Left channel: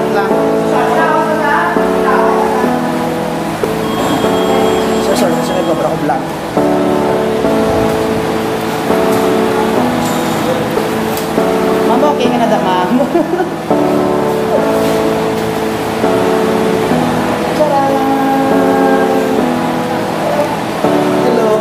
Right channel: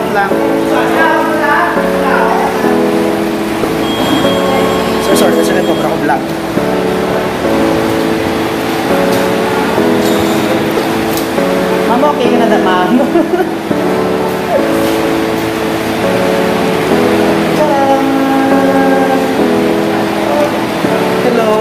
Shout lang. Sorry, kasi nag-cobra ko vlog. Mama, okay ka na da, ma'am? Hello?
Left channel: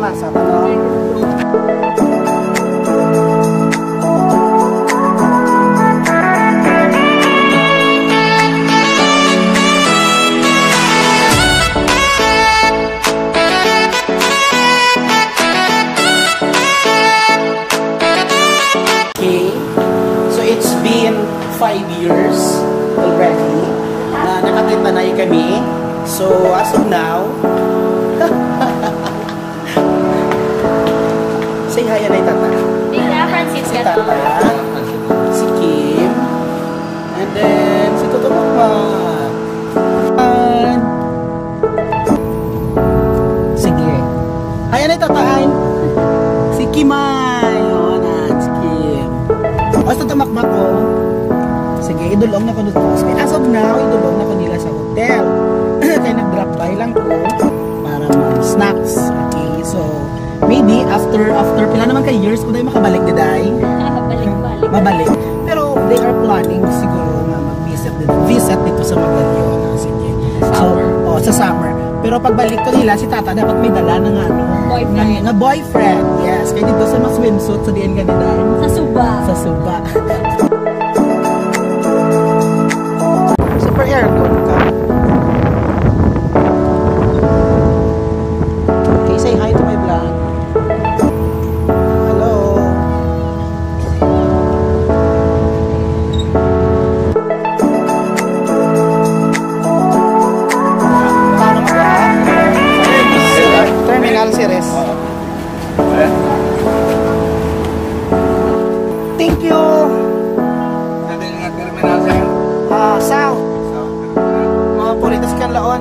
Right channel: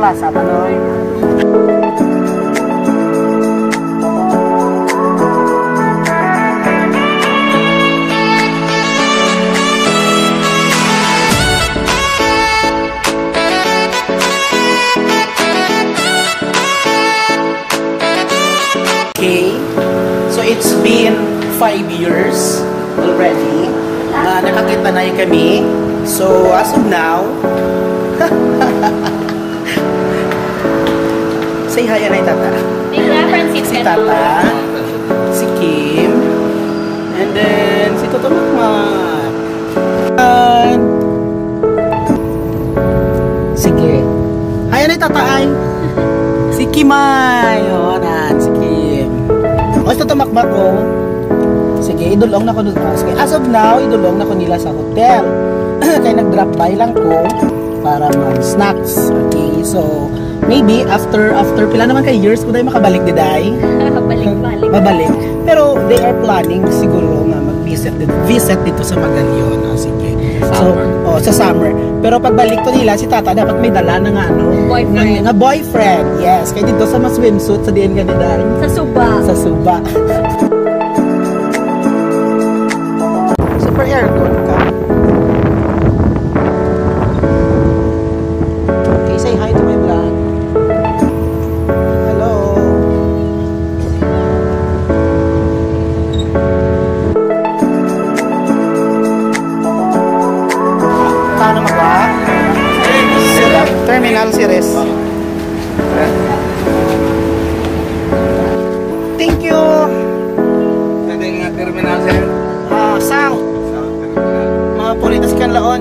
Plaza, talon. Okay, so it's been 5 years already na nakakita kami. So as of now, say hi, Anay Tata. Si Tata, si Kim, and then si Toto Makmat. Sige. Hi, Anay Tata, ay. Si Kim ay. O, si Kim. O, si Toto Makmat ko. Sige, idulong na ko doon. As of now, idulong na ko nila sa hotel. Kaya nag-drop by lang ko para mag-snacks. Okay, so maybe after pila naman kay years ko dahil makabalik di day. Mabalik. Pero they are planning siguro na mag-visit dito sa Magallaon. Sige. So, sa summer. Pero pagbalik ko nila, si Tata dapat may dala ng boyfriend. Yes. Kaya dito sa swimsuit sa diyan ganito. Sa Suba. Super aircon ka. Okay, say hi to my vlog. Terminal series. Thank you. Terminal series. South. Mga puritas kan laon.